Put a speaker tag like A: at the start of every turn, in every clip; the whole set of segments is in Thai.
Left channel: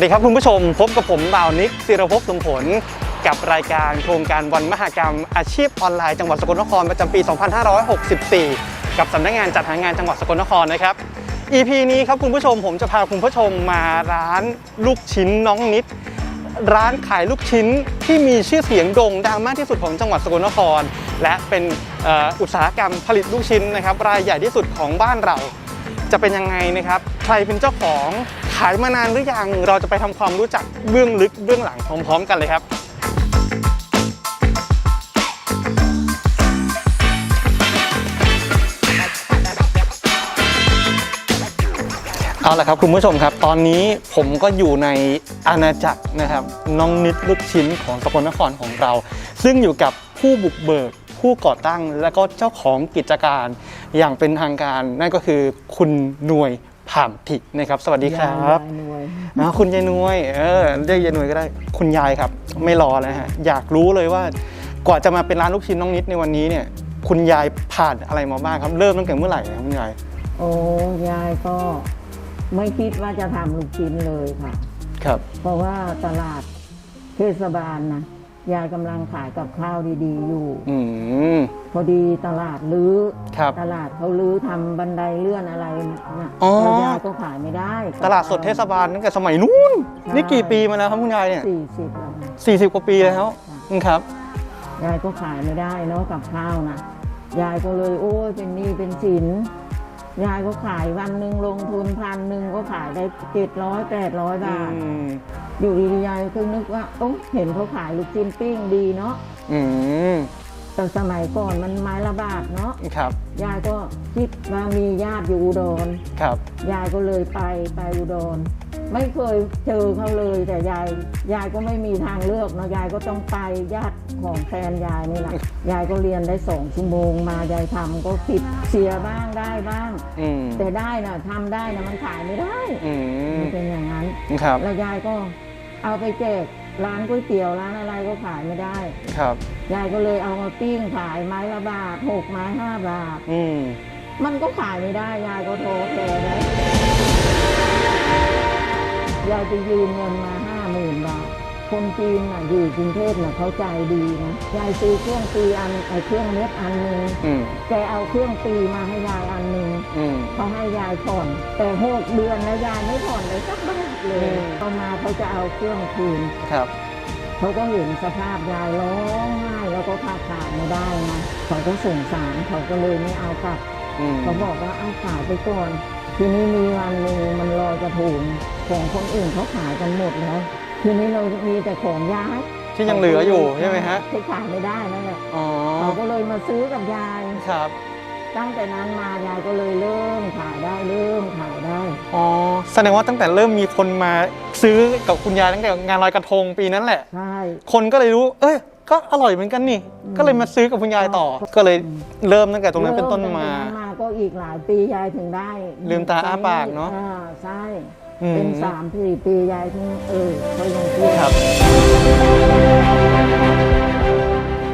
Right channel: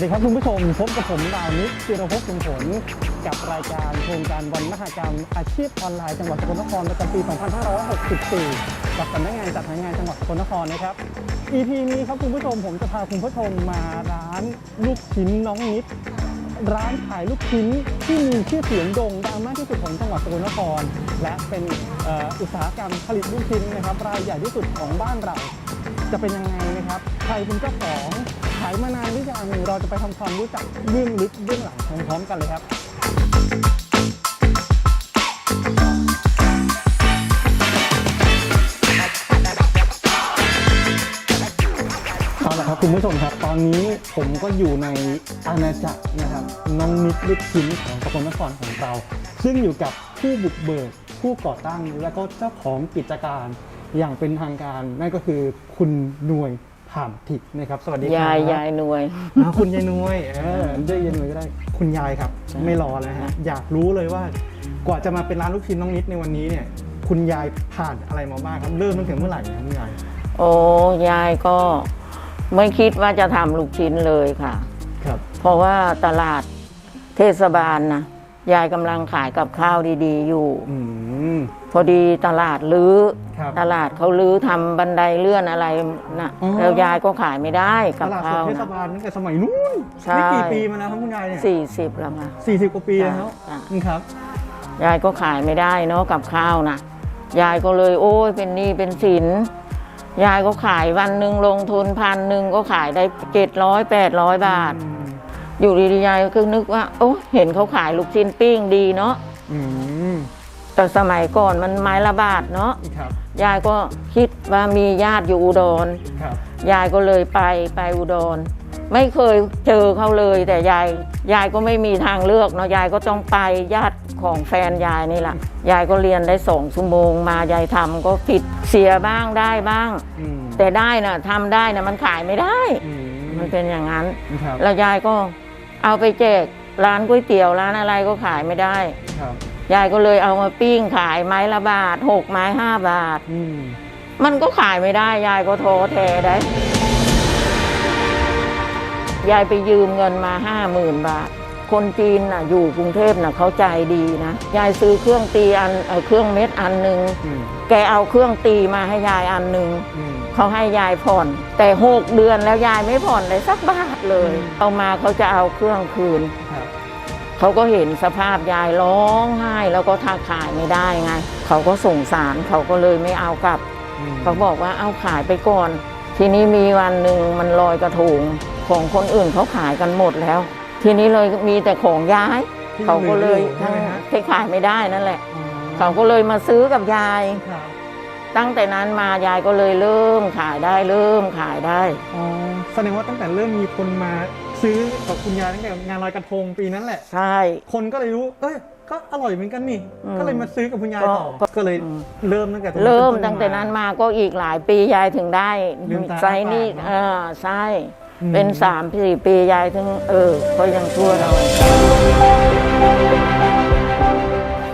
A: วัสดีครับคุณผู้ชม พบกับผมบ่าวนิกศิรภพสมผล กับรายการโครงการวันมหกรรม อาชีพออนไลน์จังหวัดสกลนครประจำปี 2564 กับสำนักงานจัดหางานจังหวัดสกลนครนะครับ EP นี้ครับคุณผู้ชมผมจะพาคุณผู้ชมมาร้านลูกชิ้นน้องนิด ร้านขายลูกชิ้นที่มีชื่อเสียงโด่งดังมากที่สุดของจังหวัดสกลนคร และเป็นอออุตสาหกรรมผลิตลูกชิ้นนะครับรายใหญ่ที่สุดของบ้านเรา จะเป็นยังไงนะครับ ใครเป็นเจ้าของ ขายมานานหรือยัง เราจะไปทำความรู้จักเบื้องลึกเบื้องหลังพร้อมๆกันเลยครับ เอาละครับคุณผู้ชมครับ ตอนนี้ผมก็อยู่ในอาณาจักรนะครับ น้องนิดลูกชิ้นของสกลนครของเรา ซึ่งอยู่กับผู้บุกเบิกผู้ก่อตั้งและก็เจ้าของกิจการอย่างเป็นทางการ นั่นก็คือคุณหน่วย ผ่ามถินะครับ สวัสดีครั
B: ยา
A: บ
B: ยยายหน่วย
A: อ่าคุณยายนวยเออเรียกยายนวยก็ได้ คุณยายครับ ไม่รอแล้วฮะอยากรู้เลยว่ากว่าจะมาเป็นร้านลูกชิ้นน้องนิดในวันนี้เนี่ย คุณยายผ่านอะไรมาบ้างครับเริ่มตั้งแต่เมื่อไหร่ครับคุณยาย
B: โอ้ยายก็ไม่คิดว่าจะทำลูกชิ้นเลยค่ะ
A: ครับ
B: เพราะว่าตลาดเทศบาลนะ ยายกำลังขายกับข้าวดีๆ อยู่
A: อืม
B: พอดีตลาดลื้อ
A: ครับ
B: ตลาดเขาลื้อทำบันไดเลื่อนอะไรนะ
A: อ๋อ
B: แล้วยายก็ขายไม่ได้กับ
A: ตลาดสดเทศบาลตั้งแต่สมัยนู้น
B: ใช่
A: นี่กี่ปีมาแล้วครับคุณยายเนี่ย
B: สี่สิบแล้วค่ะ
A: สี่สิบกว่าปีแล้ว
B: ค่ะ
A: อืมครับ
B: ยายก็ขายไม่ได้เนาะกับข้าวนะยายก็เลยโอ้ยเป็นหนี้เป็นสินยายก็ขายวันหนึ่งลงทุนพันหนึ่งก็ขายได้เจ็ดร้อยแปดร้อยบาท
A: อืม
B: อยู่ดีๆยายก็นึกว่าโอ้เห็นเขาขายลูกชิ้นปิ้งดีเนาะ
A: อืม
B: แต่สมัยก่อนมันไม้ละบาทเนาะ
A: ครับ
B: ยายก็คิดว่ามีญาติอยู่อุดร
A: ครับ
B: ยายก็เลยไปไปอุดร ไม่เคยเจอเขาเลย แต่ยายยายก็ไม่มีทางเลือกเนาะยายก็ต้องไปญาติของแฟนยายนี่แหละยายก็เรียนได้สองชั่วโมงมายายทำก็ผิดเสียบ้างได้บ้าง
A: อืม
B: แต่ได้นะทำได้นะมันขายไม่ได้
A: อืม
B: มันเป็นอย่างนั้น
A: ครับ
B: แล้วยายก็ เอาไปแจกร้านก๋วยเตี๋ยวร้านอะไรก็ขายไม่ได้
A: ครับ
B: ยายก็เลยเอามาปิ้งขายไม้ละบาทหกไม้ห้าบาท
A: อืม
B: มันก็ขายไม่ได้ ยายก็โทรแทได้ ยายไปยืมเงินมาห้าหมื่นบาท คนจีนน่ะอยู่กรุงเทพน่ะเขาใจดีนะยายซื้อเครื่องตีอันเอ่อเครื่องเม็ดอันหนึ่ง
A: อืม
B: แกเอาเครื่องตีมาให้ยายอันหนึ่ง
A: อืม
B: เขาให้ยายผ่อน แต่หกเดือนแล้วยายไม่ผ่อนเลยสักบาทเลย
A: อืม
B: เอามาเขาจะเอาเครื่องคืน
A: ครับ
B: เขาก็เห็นสภาพยายร้องไห้แล้วก็ทักขายไม่ได้ไง เขาก็สงสารเขาก็เลยไม่เอากลับ
A: อืม
B: เขาบอกว่าเอาขายไปก่อน ทีนี้มีวันหนึ่งมันลอยกระทงของคนอื่นเขาขายกันหมดแล้ว ทีนี้เลยมีแต่ของยาย
A: ที่ยังเหลืออยู่
B: ขาก็ล
A: ใช่ไหมฮะ
B: ที่ขายไม่ได้นั่นแหละ
A: อ๋อ
B: เขาก็เลยมาซื้อกับยาย
A: ครับ
B: ตั้งแต่นั้นมายายก็เลยเริ่มขายได้เริ่มขายได้
A: อ๋อแสดงว่าตั้งแต่เริ่มมีคนมาซื้อกับคุณยายตั้งแต่งานลอยกระทงปีนั้นแหละ
B: ใช่
A: คนก็เลยรู้ เอ้ยก็อร่อยเหมือนกันนี่
B: อืม
A: ก็เลยมาซื้อกับคุณยายต่อ
B: ก็
A: ก็เลย
B: อืม
A: เริ่มตั้งแต่ตรงนั้น
B: เริ่
A: เป็น
B: ม
A: ต้น
B: ตั้งแต่นั้น
A: มา
B: มาก็อีกหลายปียายถึงได้
A: ลืมตา
B: ไซ
A: อ้าปาก
B: นี่
A: เนอะ
B: เออใช่
A: อืม
B: เป็นสามสี่ปียายถึงเออก็ยังช่วย
A: ครับ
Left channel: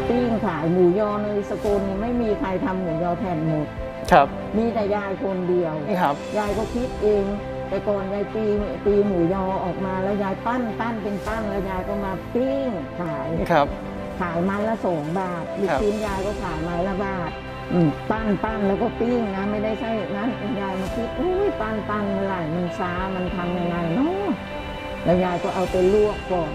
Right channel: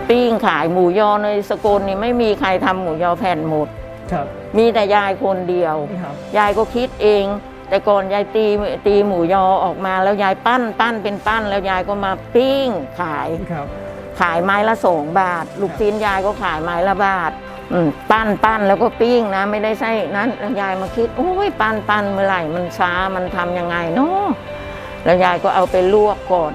B: ปิ้งขายหมูยอในสกลนี่ไม่มีใครทำหมูยอแผ่นหมด
A: ครับ
B: มีแต่ยายคนเดียว
A: ครับ
B: ยายก็คิดเอง แต่ก่อนยายตีตีหมูยอออกมาแล้วยายปั้นปั้นเป็นปั้น แล้วยายก็มาปิ้งขาย
A: ครับ
B: ขายไม้ละสองบาท ลูก
A: ครับ
B: ชิ้นยายก็ขายไม้ละบาทอืม ปั้นปั้นแล้วก็ปิ้งนะ ไม่ได้ใช่นั้นแล้วยายมาคิดโอ้ยปั้นปั้นเมื่อไหร่มันช้ามันทำยังไงเนาะแล้วยายก็เอาไปลวกก่อน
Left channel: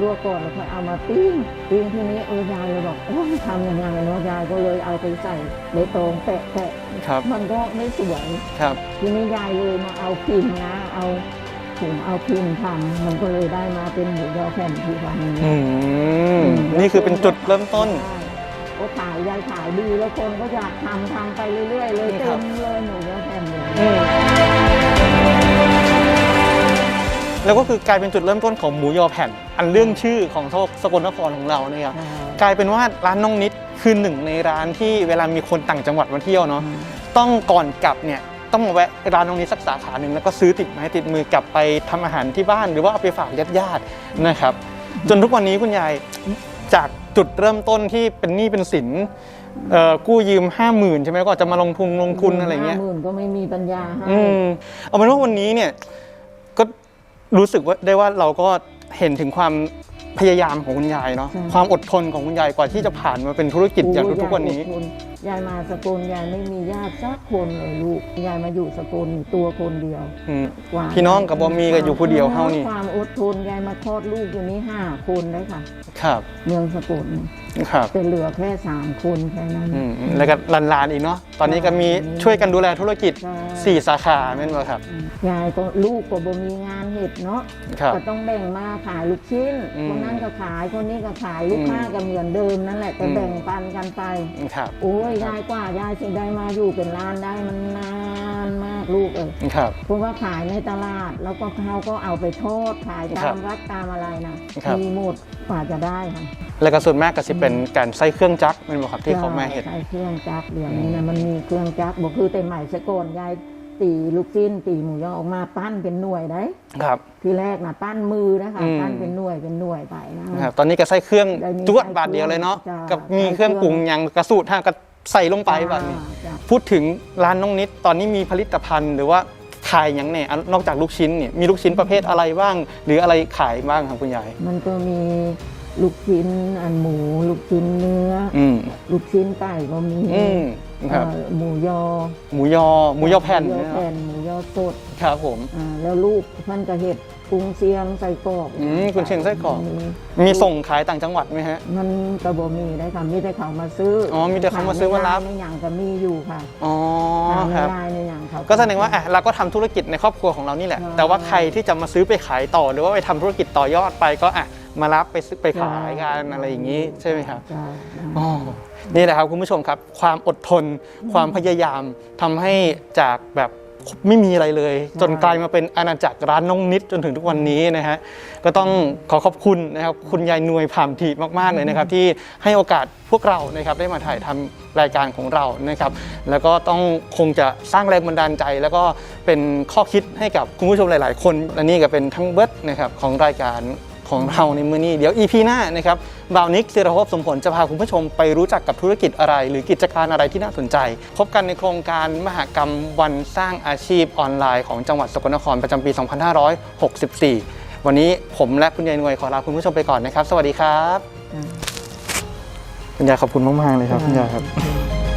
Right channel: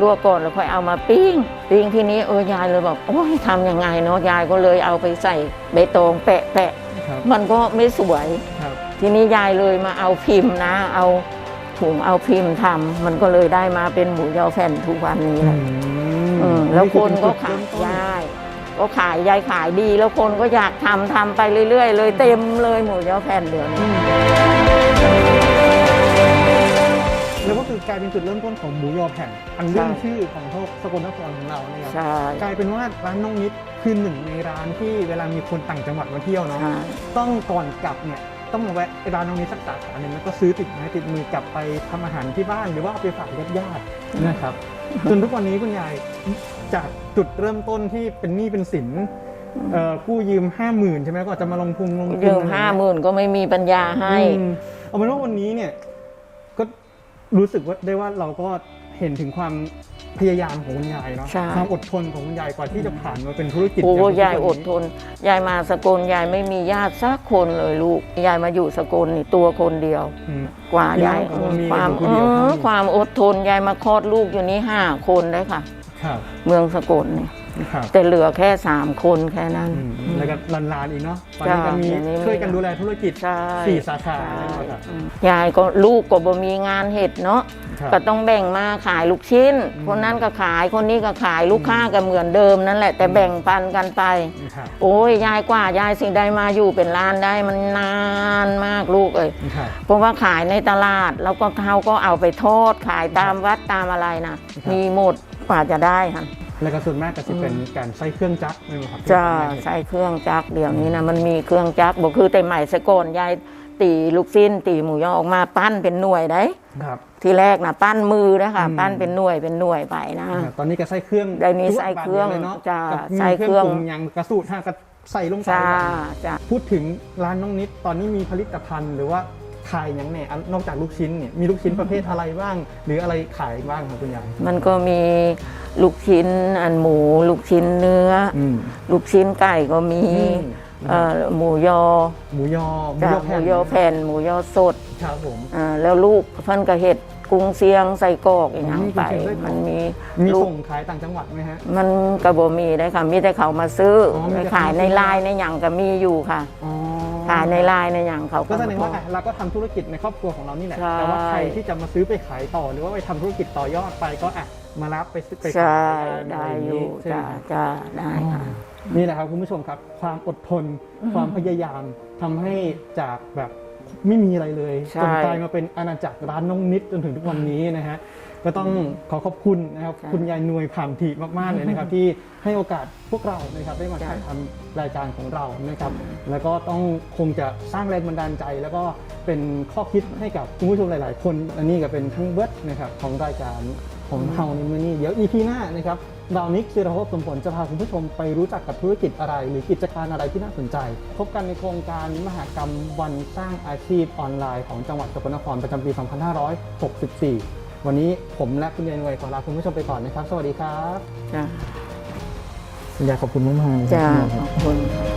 B: ลวกก่อนแล้วค่อยเอามาปิ้งปิ้งทีนี้เออยายเลยบอกโอ้ยทำยังไงเนาะยายก็เลยเอาไปใส่ใบตองแปะแปะ
A: ครับ
B: มันก็ไม่สวย
A: ครับ
B: ทีนี้ยายเลยมาเอาพิมพ์นะ เอาถุงเอาพิมพ์ทำมันก็เลยได้มาเป็นหมูยอแผ่นทุกวันนี้
A: อืม
B: อืมแล้ว
A: นี่คือเป็นจุด
B: ก็ขาย
A: เริ่มต้น
B: ใช่ ก็ขายยายขายดี แล้วคนก็อยากทำทำไปเรื่อย ๆ เลยเต็มเลยหมูยอแผ่นเดือนนี้
A: แล้วก็คือกลายเป็นจุดเริ่มต้นของหมูยอแผ่น อันเรื่อง
B: ใช่
A: ชื่อของโทสกลนครของเราเนี่ยครับ
B: ใช่
A: กลายเป็นว่าร้านน้องนิดคือหนึ่งในร้านที่เวลามีคนต่างจังหวัดมาเที่ยวเนาะ
B: ใช่
A: ต้องก่อนกลับเนี่ยต้องมาแวะร้านน้องนิดสักสาขาหนึ่งแล้วก็ซื้อติดไม้ติดมือกลับไปทำอาหารที่บ้าน หรือว่าเอาไปฝากญาติๆนะครับ จนทุกวันนี้คุณยายจาก จุดเริ่มต้นที่เป็นหนี้เป็นสินเอ่อกู้ยืมห้าหมื่นใช่ไหมก็จะมาลงทุนลงทุ
B: ยื
A: น
B: ม
A: อะไร
B: ห้า
A: เงี้ย
B: หมื่นก็ไม่มีปัญญาให้
A: อืมเอาเป็นว่าวันนี้เนี่ยก็รู้สึกว่าได้ว่าเราก็เห็นถึงความ พยายามของคุณยายเนาะ
B: ใช่
A: ความอดทนของคุณยายกว่าที่จะผ่านมาเป็นธุรกิจ
B: โอ้
A: อย่างทุก
B: ยาย
A: วัน
B: อด
A: นี้
B: ทน ยายมาสกลยายไม่มีญาติสักคนเลยลูก ยายมาอยู่สกลนี่ตัวคนเดียว
A: อืม
B: กว่า
A: พี่น้อง
B: ยาย
A: กับบ่มีก็อยู่คนเดียวเท่านี้
B: ความอดทนยายมาคลอดลูกอยู่นี่ห้าคนได้ค่ะ
A: ครับ
B: เมืองสกลนี่
A: ครับ
B: แต่เหลือแค่สามคนแค่นั้น
A: อืมแล้วก็หลานๆอีกเนาะตอนนี้ก็มี
B: ใช่เดี๋ยวนี้
A: ช่วยกันดูแลธุรกิจ
B: ใช่
A: สี่สาขานั่นแหละครับ
B: ยายก็ลูกก็บ่มีงานเห็ดเนาะ
A: ครับ
B: ก็ต้องแบ่งมาขายลูกชิ้น
A: อืม
B: คนนั้นก็ขายคนนี้ก็ขายลูก
A: อืม
B: ค้าก็เหมือนเดิมนั่นแหละ แต่
A: อืม
B: แบ่งปันกันไป
A: ครับ
B: โอ้ยยายกว่ายายสิ่งใดมาอยู่เป็นล้านได้มันนานมากลูกเอ้ย
A: ครับ
B: เพราะว่าขายในตลาดแล้วก็เขาก็เอาไปทอดขายตาม
A: ครับ
B: วัดตามอะไรนะครับ มีหมดกว่าจะได้ค่ะ
A: แล้วก็ส่วนมากก็จะเป็นการใส่เครื่องจักรนั่นแหละครับที่
B: จะ
A: เขามาเห็น
B: ใส่เครื่องจักรเดี๋ยวนี้นะมันมีเครื่องจักรบอกคือแต่ใหม่สกอนยายตีลูกชิ้นตีหมูยอออกมาปั้นเป็นหน่วยได้
A: ครับ
B: ทีแรกนะปั้นมือนะคะ
A: อืม
B: ปั้นเป็นหน่วยเป็นหน่วยไปนะ
A: ครับตอนนี้ก็ใส่เครื่อง
B: เดี๋ยวนี้
A: จวด
B: ใส่
A: บาทเดียวเลยเนาะ
B: จ้ะ
A: กับมี
B: ใส่
A: เครื่อง
B: เครื่อง
A: ปรุงอย่างกระสูตรห้าก็ใส่ลงไป
B: จ้า
A: แบบ
B: จ้า
A: พูดถึงร้านน้องนิดตอนนี้มีผลิตภัณฑ์หรือว่าขายอย่างเนี่ยนอกจากลูกชิ้นเนี่ยมีลูกชิ้นประเภทอะไรบ้าง หรืออะไรขายบ้างครับคุณยาย
B: มันก็มีลูกชิ้นอันหมู ลูกชิ้นเนื้ออ
A: อืม
B: ลูกชิ้นไก่ก็มี
A: อืม
B: เอ่อหมูยอ
A: หมูยอหมูยอแผ่น
B: หมูยอแผ่นหมูยอสด
A: ครับผม
B: อ่าแล้วลูกเพิ่นก็เห็ด กุ้งเสียงใส่กรอกอย่าง
A: อืมกุ้งเชียงไส้กรอก
B: มันมี
A: มี
B: ลูก
A: ส่งขายต่างจังหวัดไหมฮะ
B: มันกระบมีได้ค่ะ มีแต่เขามาซื้ออ
A: อมีแต่เขา
B: ขาย
A: มา
B: ใน
A: ซื้อ
B: ไล
A: มารับ
B: น์ในหยังก็มีอยู่ค่ะ
A: อ๋อ
B: ขายใน
A: ครับ
B: ไลน์ในหยังเขา
A: ก็แสดงว่าอะเราก็ทำธุรกิจในครอบครัวของเรานี่แหละ
B: ใช่
A: แต่ว่าใครที่จะมาซื้อไปขายต่อ หรือว่าไปทำธุรกิจต่อยอดไปก็อะมารับไปซื้อไปขายกันอะไรอย่างนี้ใช่ไหมครับ
B: จ้าได้
A: อ๋อนี่แหละครับคุณผู้ชมครับ ความอดทนความพยายามทำให้จากแบบ ไม่มีอะไรเลย จนกลายมาเป็นอาณาจักรร้านน้องนิดจนถึงทุกวันนี้นะฮะก็ต้องขอขอบคุณนะครับคุณยายนวยผ่ามถีมากๆเลยนะครับที่ให้โอกาสพวกเรานะครับได้มาถ่ายทำรายการของเรานะครับ แล้วก็ต้องคงจะสร้างแรงบันดาลใจ แล้วก็เป็นข้อคิดให้กับคุณผู้ชมหลาย ๆ คนและนี่ก็เป็นทั้งเบิร์ดนะครับของรายการ ของเราในมื้อนี้ เดี๋ยว EP หน้านะครับบ่าวนิกศิรภพสมผลจะพาคุณผู้ชมไปรู้จักกับธุรกิจอะไร หรือกิจการอะไรที่น่าสนใจ พบกันในโครงการมหกรรมวันสร้างอาชีพออนไลน์ของจังหวัดสกลนครประจำปี 2564 วันนี้ผมและคุณยายนวยขอลาคุณผู้ชมไปก่อนนะครับ สวัสดีครับ
B: จ้า
A: คุณยายขอบคุณมากๆเลยครับ
B: จ้า
A: คุณยายครับ
B: ขอบคุณ